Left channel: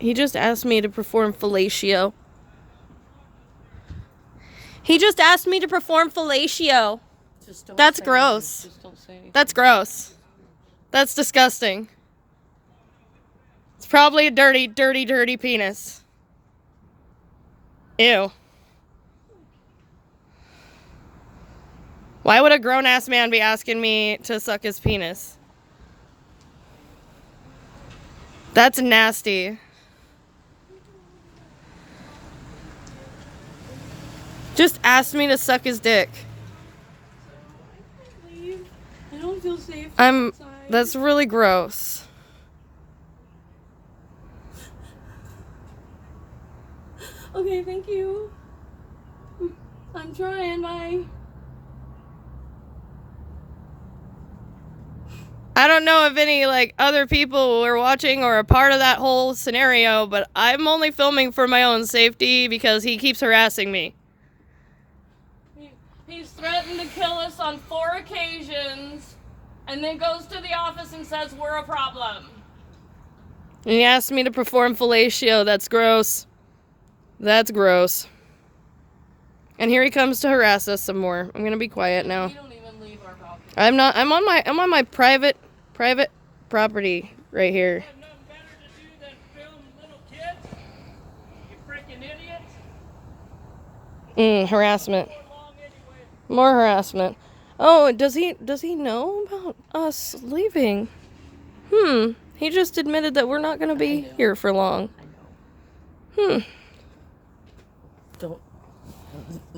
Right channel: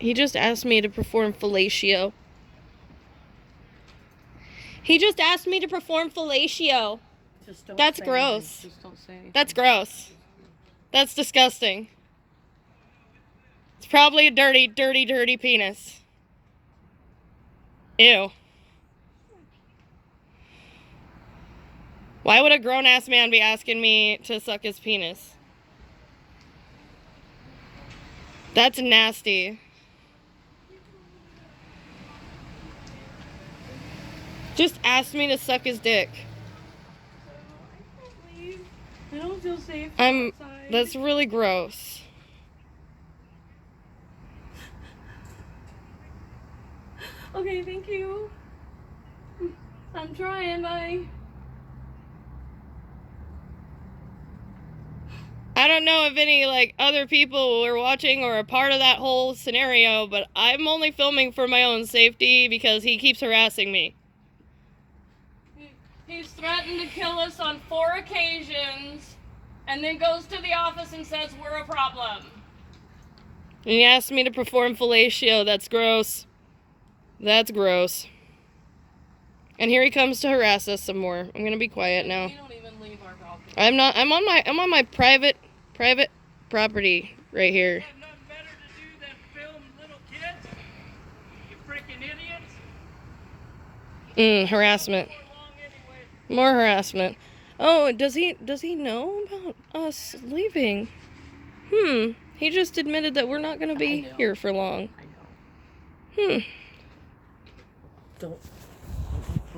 He just asked me to perform fellatio. He just asked me to perform fellatio. That's gross. Just don't say anything. That's gross. That's disgusting. It's probably a dirty, dirty, dirty penis. Ew. Why would a grown-ass man be asking me to suck his penis? That's nasty. Just asked me to suck his dick. I don't feel safe outside. That's really gross. Okay, thank you. I'm trying, bye. I don't know if any, like, other people were watching or a part of that whole scenario, but I'm only filming for my own safety because he keeps harassing me. He's threatened to kill us on 4 occasions, and then goes to the office and says we're a problem. And he asked me to perform fellatio. That's gross. That's gross. And here he comes to harass us some more. I'm gonna be quiet now. We don't even leave our property. I'm not. I'm on my private property right here. You have nothing better to do than film little kids? You freaking idiots. Harassment. Before long anyway. More harassment. Oh, does he know about us leaving? He just admitted that we're not gonna be here for long. I know. Hmm. Don't.